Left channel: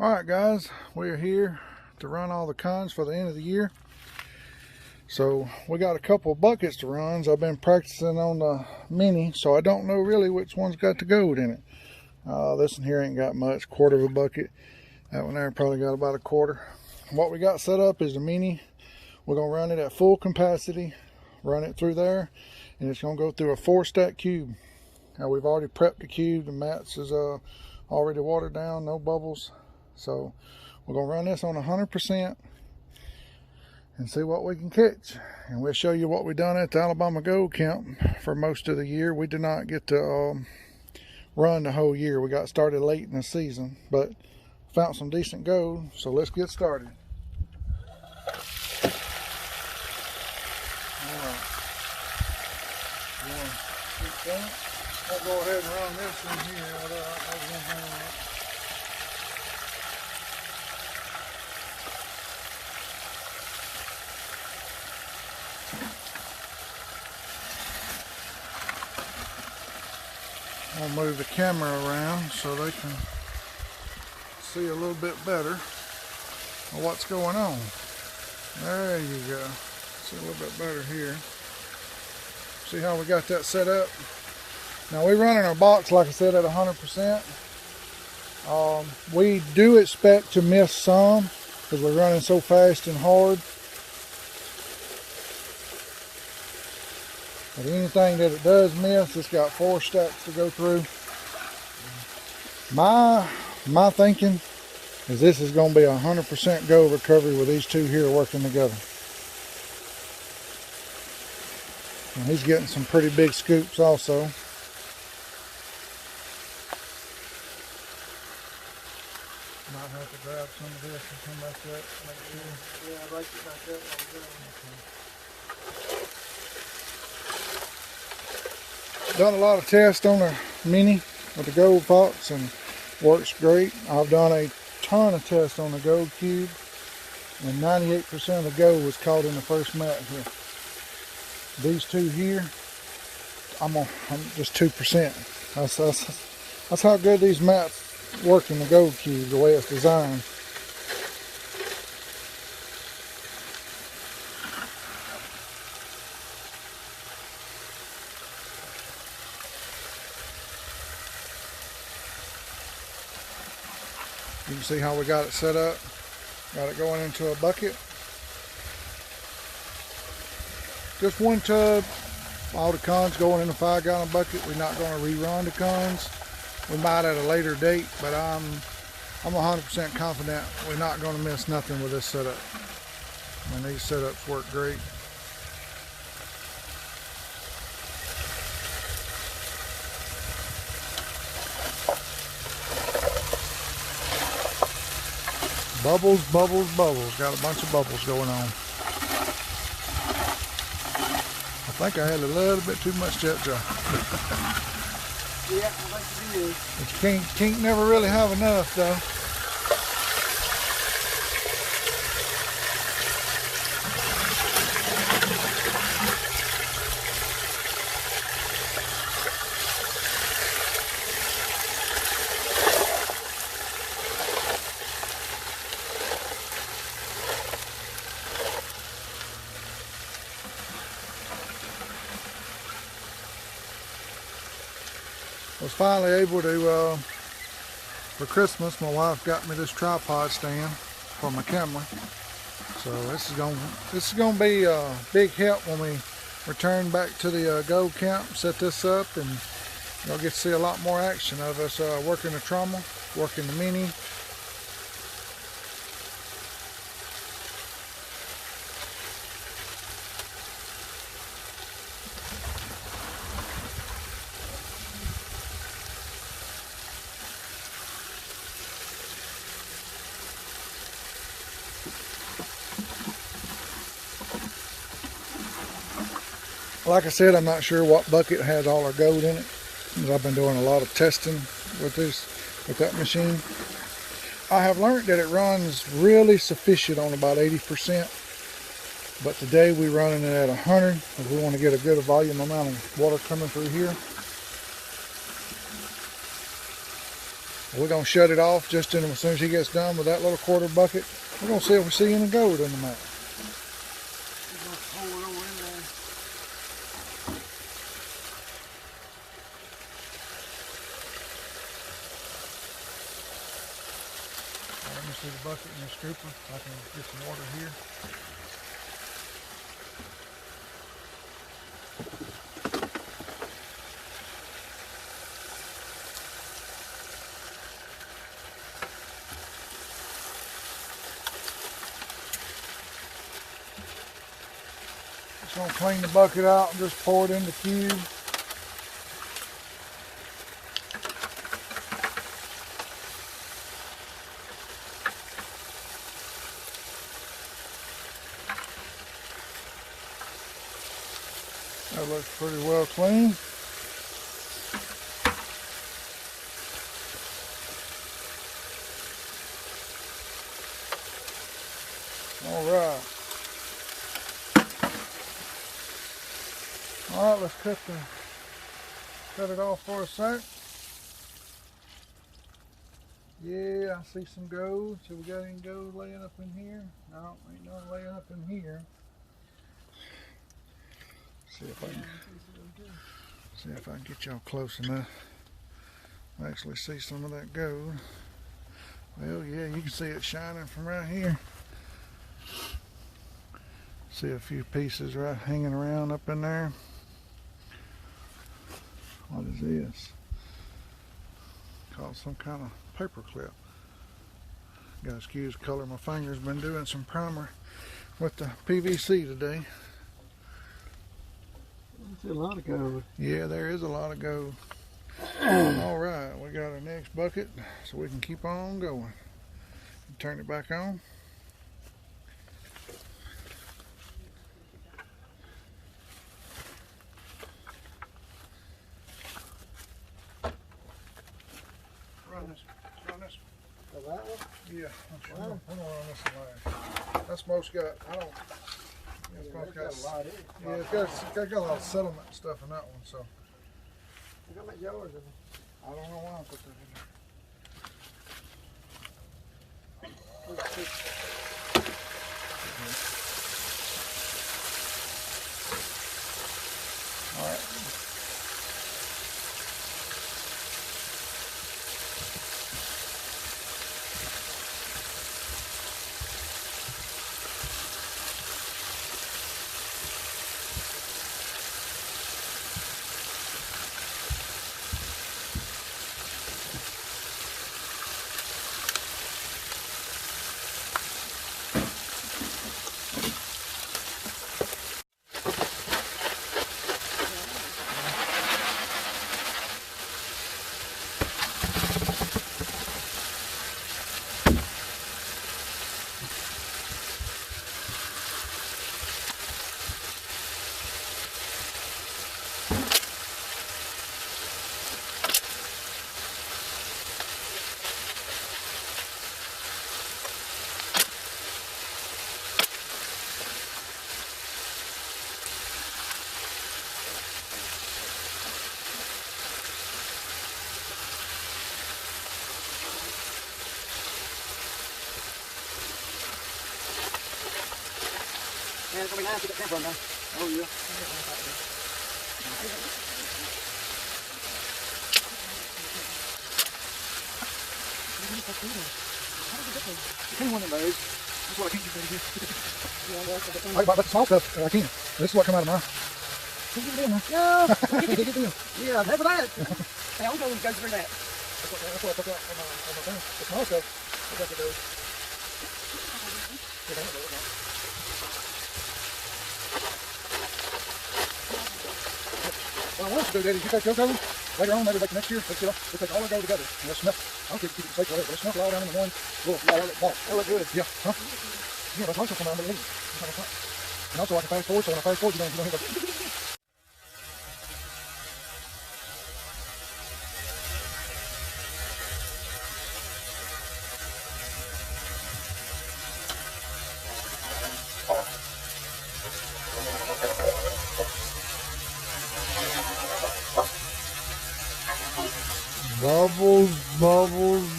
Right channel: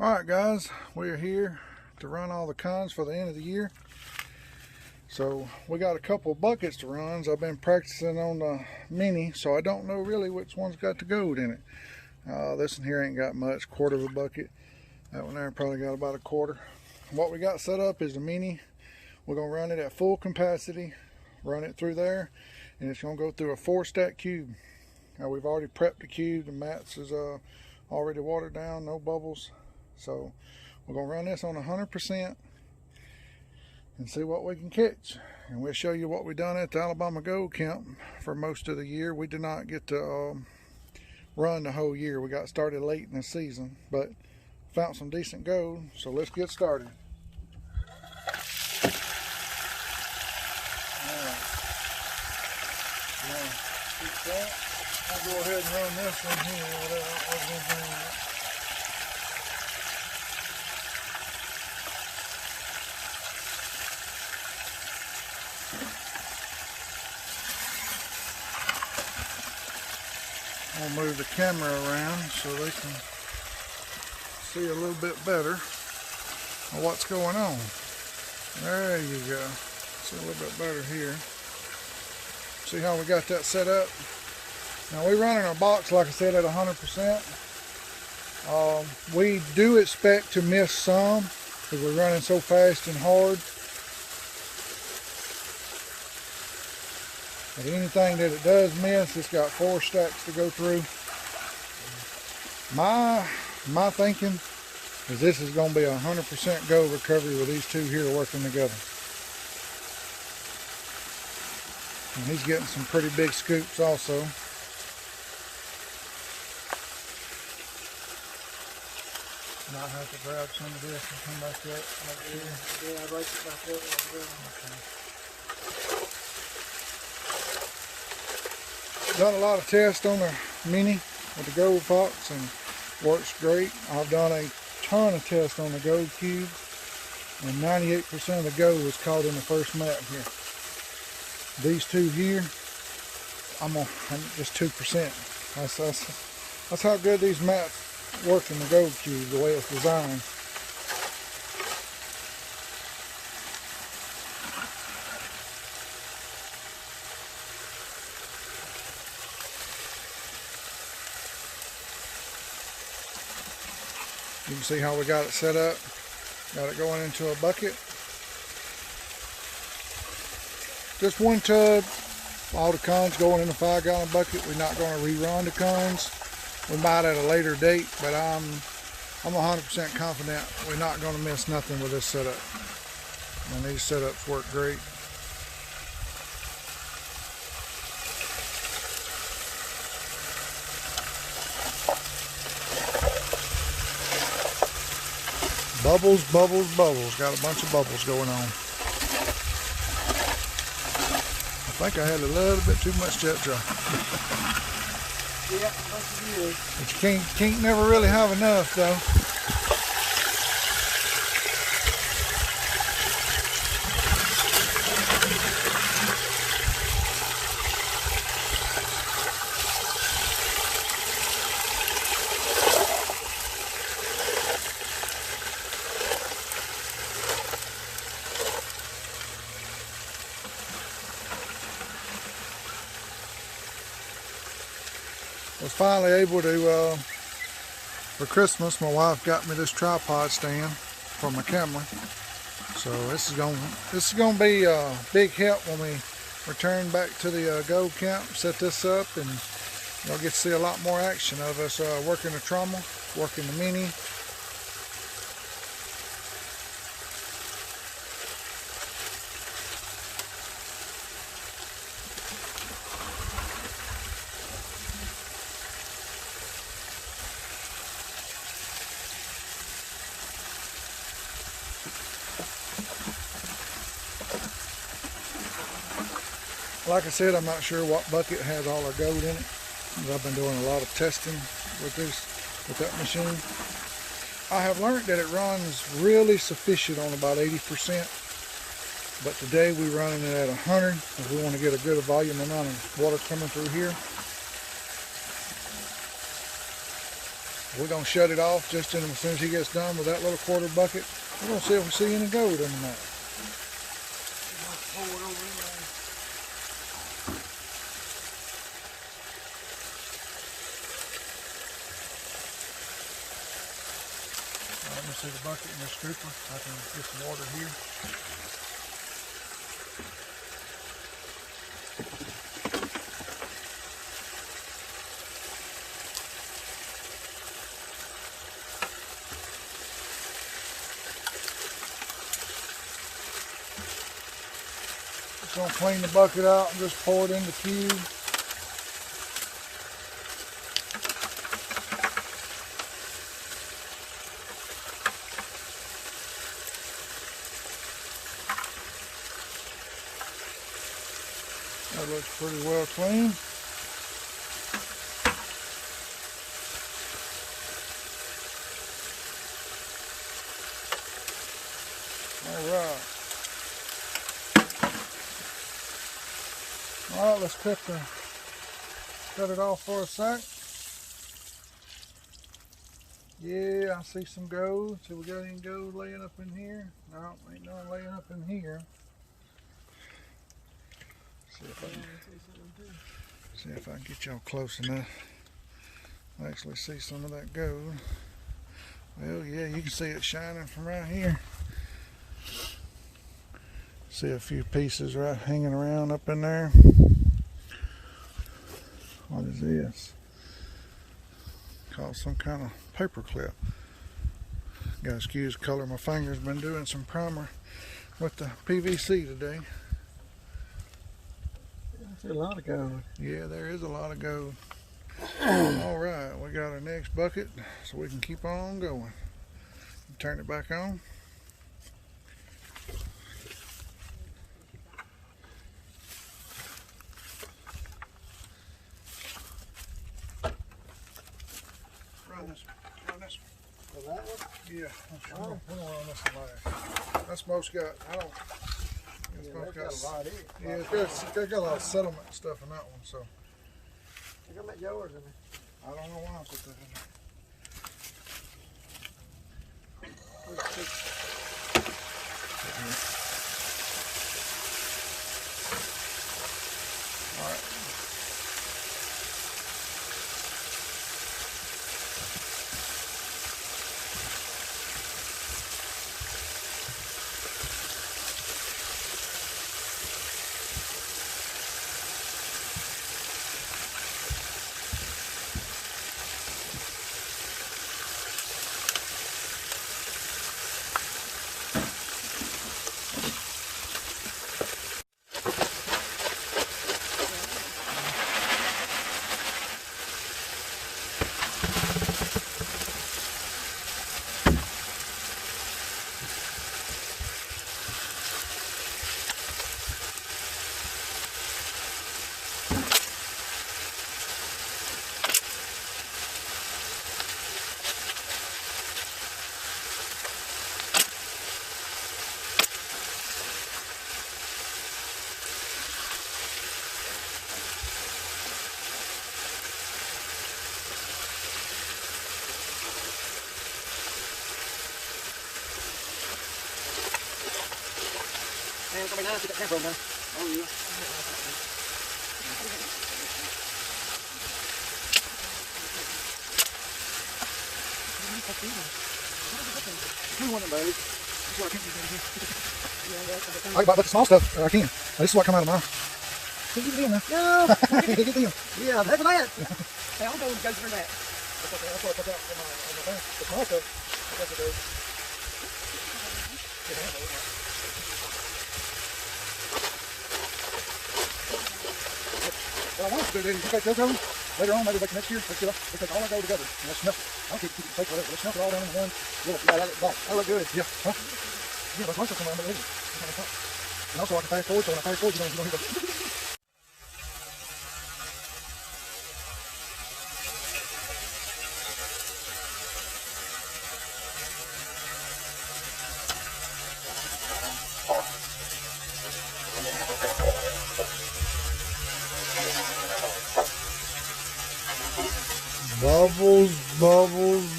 Alright guys, we're here to run all the cons for the end of the year. So we got a couple of buckets to run. I've been practicing on the mini, so I don't know really which one's got the gold in it. This one here ain't got much, quarter of a bucket. That one there probably got about a quarter. What we got set up is the mini. We're going to run it at full capacity, run it through there, and it's going to go through a 4-stack cube. Now we've already prepped the cube. The mats is already watered down, no bubbles. So we're going to run this on 100% and see what we can catch. And we'll show you what we done at the Alabama Gold Camp for most of the year. We did not get to run the whole year. We got started late in the season, but found some decent gold. So let's get started. I'll go ahead and run this one here without anything. I'll move the camera around so they can see a little bit better of what's going on. There you go. See a little bit better here. See how we got that set up? Now we run in our box, like I said, at 100%. We do expect to miss some because we're running so fast and hard. But anything that it does miss, it's got 4 stacks to go through. My thinking is this is going to be a 100% gold recovery with these two here working together. And he's getting some pretty big scoops also. Might have to grab some of this and come back up. Yeah, I'd like it back up. Okay. Done a lot of tests on the mini with the gold pots and works great. I've done a ton of tests on the gold cube, and 98% of the gold was caught in the first mat here. These two here, I'm just 2%. That's how good these mats work in the gold cube, the way it's designed. You can see how we got it set up. Got it going into a bucket. Just one tub. All the cons going in a 5-gallon bucket. We're not going to rerun the cons. We might at a later date, but I'm 100% confident we're not going to miss nothing with this setup. And these setups work great. Bubbles, bubbles, bubbles. Got a bunch of bubbles going on. I think I had a little bit too much jet dry. Yeah, like you do. But you can't never really have enough though. Was finally able to, for Christmas, my wife got me this tripod stand for my camera. So this is going to be a big help when we return back to the gold camp. Set this up and you'll get to see a lot more action of us working the trommel, working the mini. Like I said, I'm not sure what bucket has all our gold in it. I've been doing a lot of testing with that machine. I have learned that it runs really sufficient on about 80%. But today we're running it at 100 because we want to get a good volume amount of water coming through here. We're going to shut it off just as soon as he gets done with that little quarter bucket. We're going to see if we see any gold in the mouth. Let me see the bucket and the scooper. I can get some water here. Just gonna clean the bucket out and just pour it in the cube. That looks pretty well clean. All right. All right, let's cut it off for a sec. Yeah, I see some gold. So we got any gold laying up in here? No, ain't no laying up in here. See if I can get y'all close enough. Actually see some of that gold. Well, yeah, you can see it shining from right here. See a few pieces right hanging around up in there. What is this? Called some kind of paper clip. Gotta excuse the color of my fingers. Been doing some primer with the PVC today. There's a lot of gold. Yeah, there is a lot of gold. All right, we got our next bucket, so we can keep on going. Turn it back on. Run this. Oh, that one? Yeah, we'll run this one. That's most got. I don't. Yeah, it's got a lot in it. Yeah, it's got a lot of settlement stuff in that one, so. I got my yours in it. I don't know why I put that in there. All right. Oh, yeah. I can put small stuff. I can. This is what come out of mine. Get it in there. No! Get it in. Yeah, that's that. Hey, I'll go through that. The small stuff. What I want to do, Daddy, you get those later on, maybe like next year, but you know, we can all go together. I'll keep you can take whatever. Stuff all down in the one little box. Oh, good. Yeah. Yeah, my choice will come out really. And also I can fast forward, so when I fast forward, you don't hear the bubbles, bubbles,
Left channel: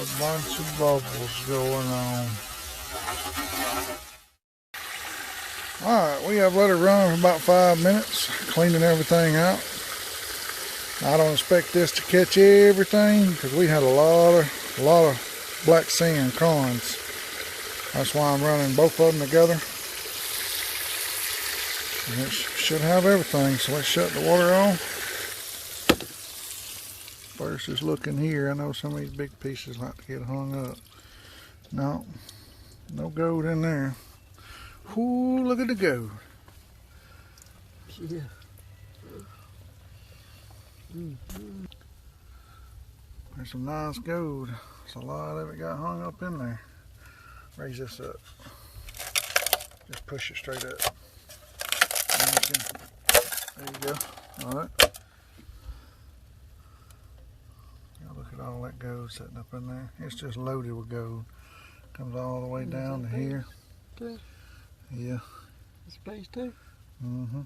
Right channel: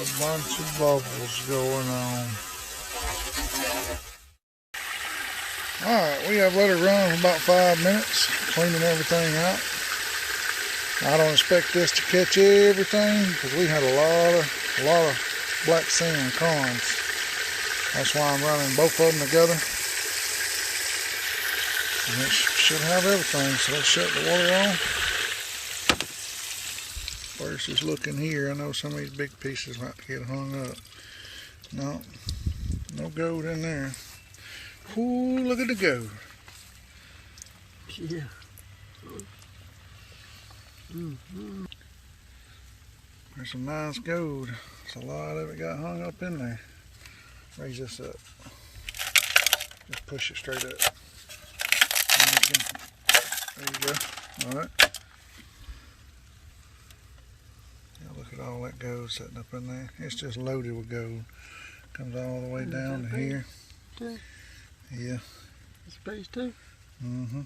a bunch of bubbles going on. Alright, we have let it run for about 5 minutes, cleaning everything out. I don't expect this to catch everything because we had a lot of black sand corns. That's why I'm running both of them together. And it should have everything, so let's shut the water on. First, just looking here, I know some of these big pieces might get hung up. No gold in there. Ooh, look at the gold. Yeah. There's some nice gold. There's a lot of it got hung up in there. Raise this up. Just push it straight up. There you go. Alright. Now look at all that gold sitting up in there. It's just loaded with gold. Comes all the way down to here. Too? Yeah. This piece too? Mm-hmm.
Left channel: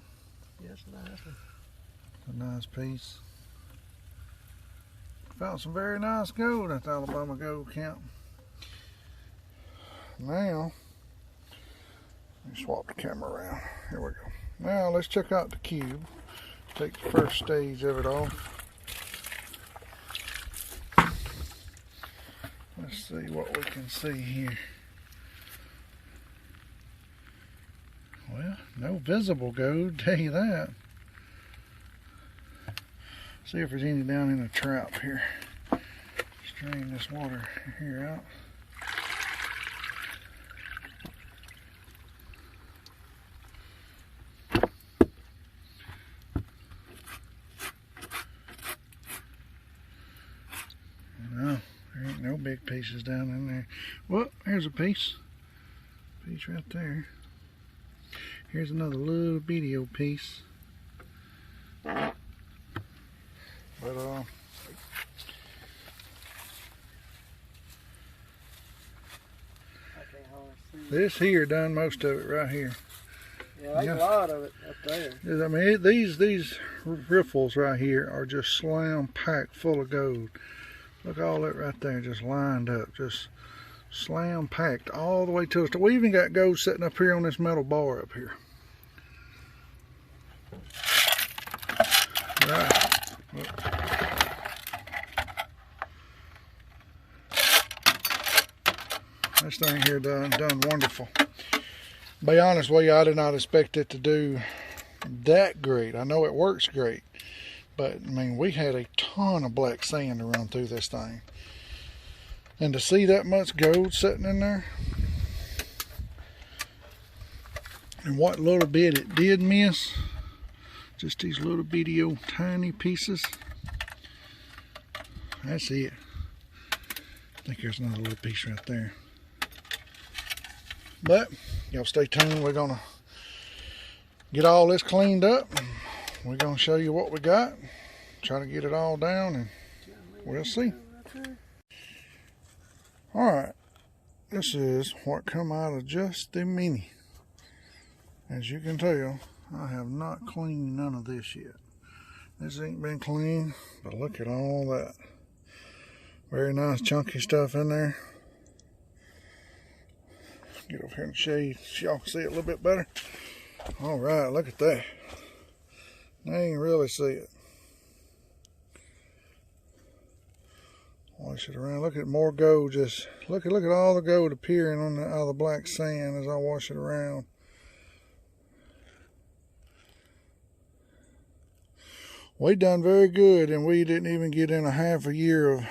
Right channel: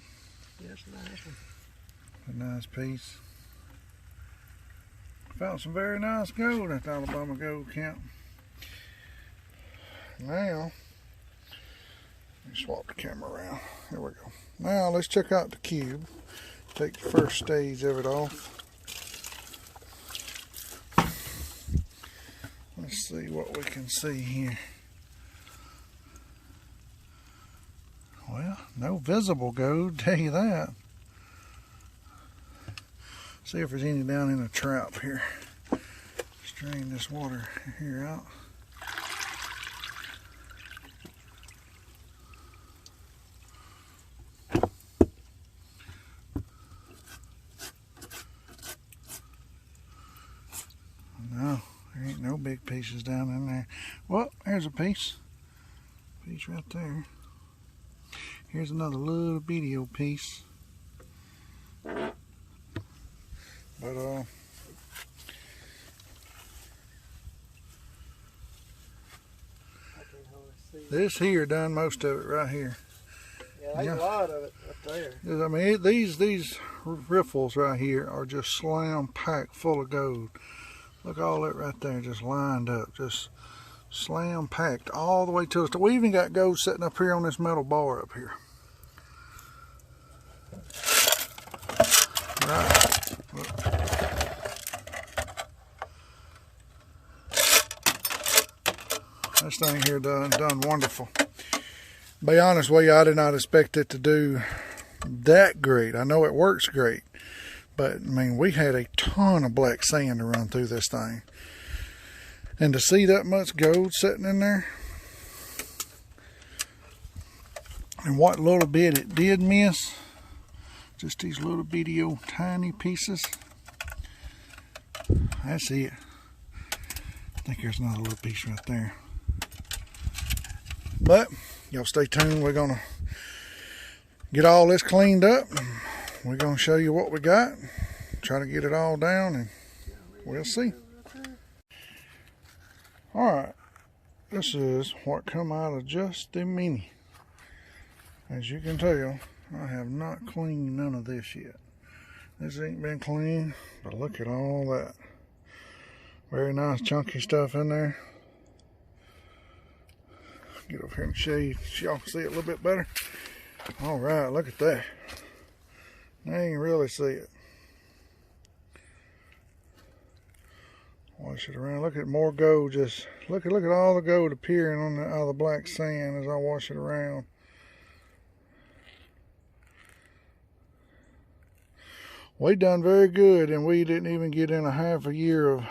Yeah, it's a nice one. A nice piece. Found some very nice gold at the Alabama Gold Camp. Now, let me swap the camera around. Here we go. Now let's check out the cube. Take the first stage of it off. Let's see what we can see here. Well, no visible gold, tell you that. See if there's any down in the trap here. Strain this water here out. No, there ain't no big pieces down in there. Well, here's a piece. Piece right there. Here's another little bitty old piece. But this here done most of it right here. Yeah, there's a lot of it up there. I mean, these riffles right here are just slam packed full of gold. Look all that right there, just lined up, just slam packed all the way to the top. We even got gold sitting up here on this metal bar up here. Right. This thing here done wonderful. Be honest with you, I did not expect it to do that great. I know it works great, but I mean, we had a ton of black sand to run through this thing. And to see that much gold sitting in there, and what little bit it did miss, just these little bitty old tiny pieces. That's it. I think there's another little piece right there. But y'all stay tuned. We're gonna get all this cleaned up. We're gonna show you what we got. Try to get it all down, and we'll see. All right, this is what come out of just the mini. As you can tell, I have not cleaned none of this yet. This ain't been cleaned, but look at all that. Very nice chunky stuff in there. Get over here in the shade so y'all can see it a little bit better. All right, look at that. Now you can really see it. Wash it around. Look at more gold. Just look at all the gold appearing on out of the black sand as I wash it around. We done very good, and we didn't even get in a half a year of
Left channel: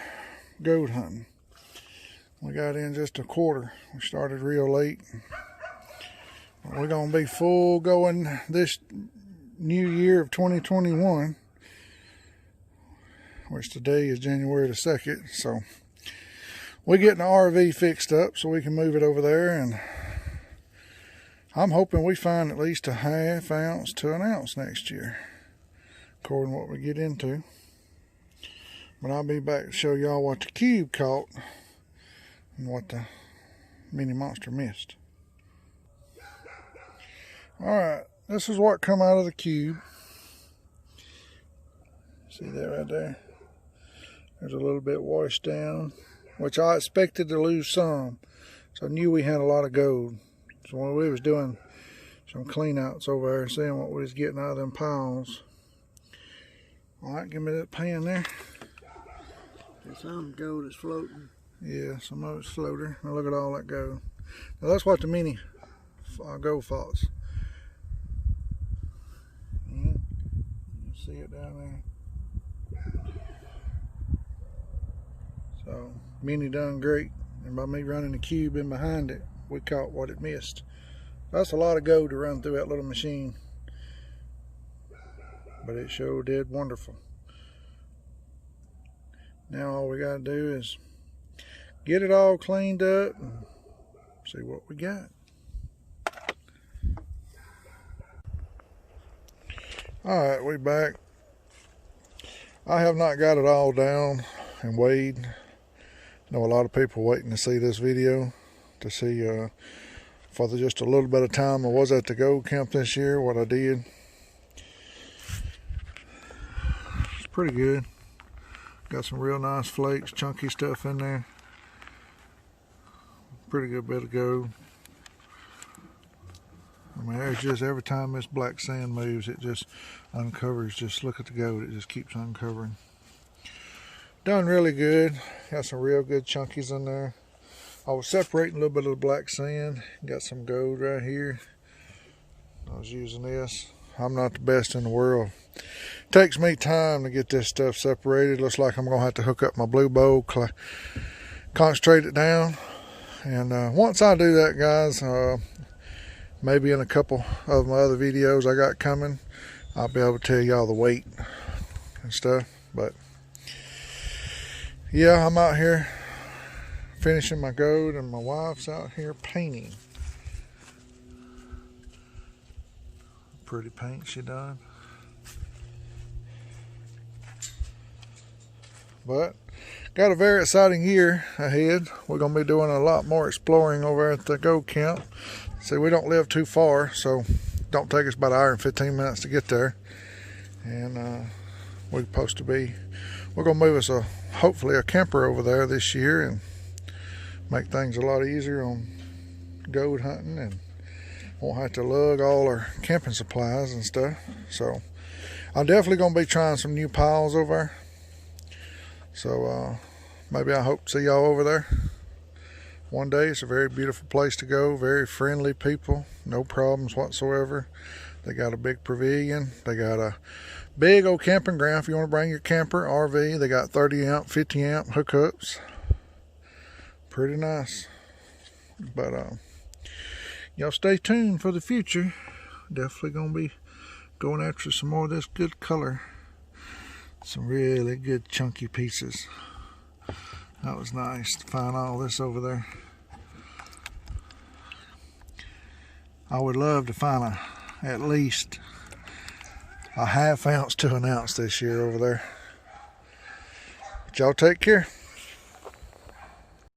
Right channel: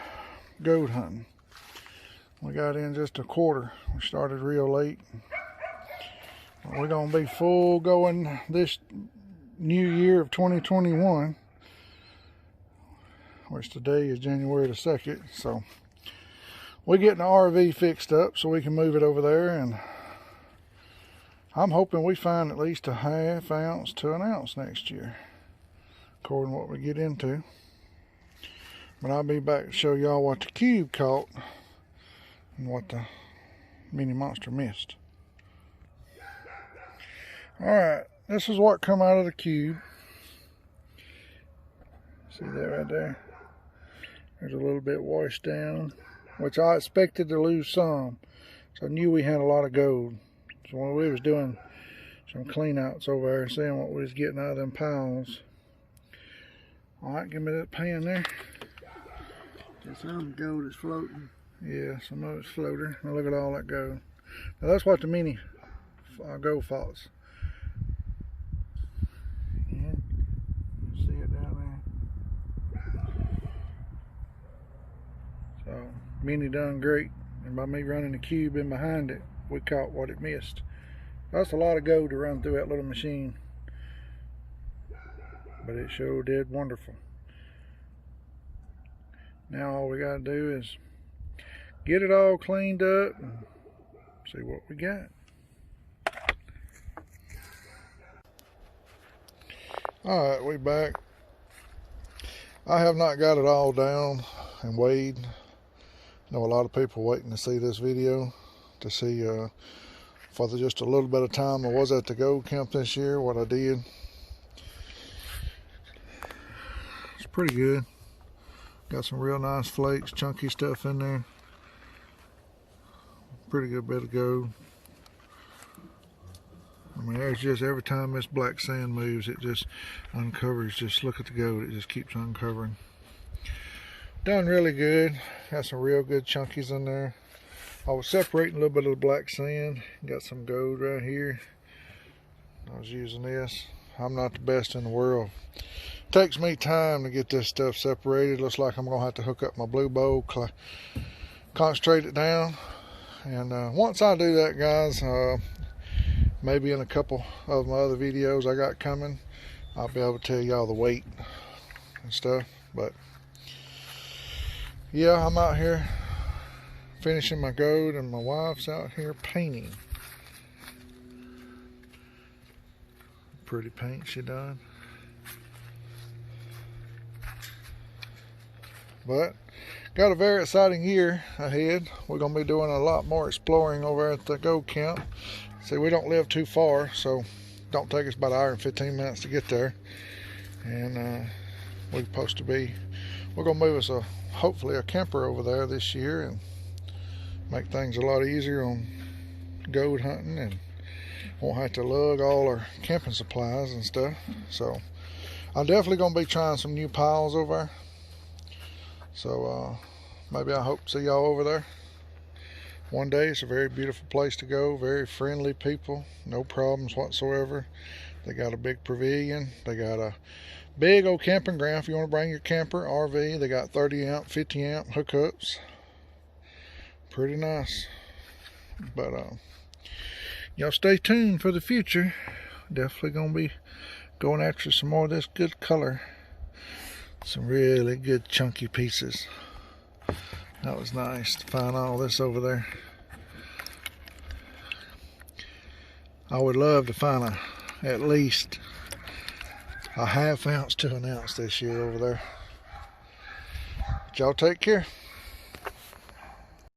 gold hunting. We got in just a quarter. We started real late. But we're gonna be full going this new year of 2021, which today is January the 2nd. So we're getting the RV fixed up so we can move it over there, and I'm hoping we find at least a half ounce to an ounce next year, according to what we get into. But I'll be back to show y'all what the cube caught and what the mini monster missed. Alright, this is what come out of the cube. See that right there? There's a little bit washed down. which I expected to lose some. So I knew we had a lot of gold. So when we was doing some clean outs over there, seeing what we was getting out of them piles. Alright, give me that pan there. Some gold is floating. Yeah, some of it's floater. Now look at all that gold. Now that's what the mini gold falls. Yeah, you see it down there. So mini done great, and by me running the cube in behind it, we caught what it missed. That's a lot of gold to run through that little machine, but it sure did wonderful. Now all we gotta do is get it all cleaned up and see what we got. Alright, we back. I have not got it all down and weighed. I know a lot of people waiting to see this video to see for just a little bit of time I was at the gold camp this year, what I did. It's pretty good. Got some real nice flakes, chunky stuff in there. Pretty good bit of gold. I mean, there's just every time this black sand moves, it just uncovers. Just look at the gold, it just keeps uncovering. Done really good. Got some real good chunkies in there. I was separating a little bit of the black sand. Got some gold right here. I was using this. I'm not the best in the world. Takes me time to get this stuff separated. Looks like I'm gonna have to hook up my blue bowl, concentrate it down, and once I do that, guys, maybe in a couple of my other videos I got coming, I'll be able to tell y'all the weight and stuff. But yeah, I'm out here finishing my gold, and my wife's out here painting. Pretty paint she done. But got a very exciting year ahead. We're going to be doing a lot more exploring over at the gold camp. See, we don't live too far, so don't take us about an hour and 15 minutes to get there. And we're supposed to be, we're going to move us hopefully a camper over there this year and make things a lot easier on gold hunting, and won't have to lug all our camping supplies and stuff. So I'm definitely going to be trying some new piles over there. So maybe I hope to see y'all over there one day. It's a very beautiful place to go, very friendly people, no problems whatsoever. They got a big pavilion, they got a big old camping ground if you want to bring your camper, RV. They got 30 amp, 50 amp hookups. Pretty nice. But y'all stay tuned for the future. Definitely gonna be going after some more of this good color. Some really good chunky pieces. That was nice to find all this over there. I would love to find at least a half ounce to an ounce this year over there. But y'all take care.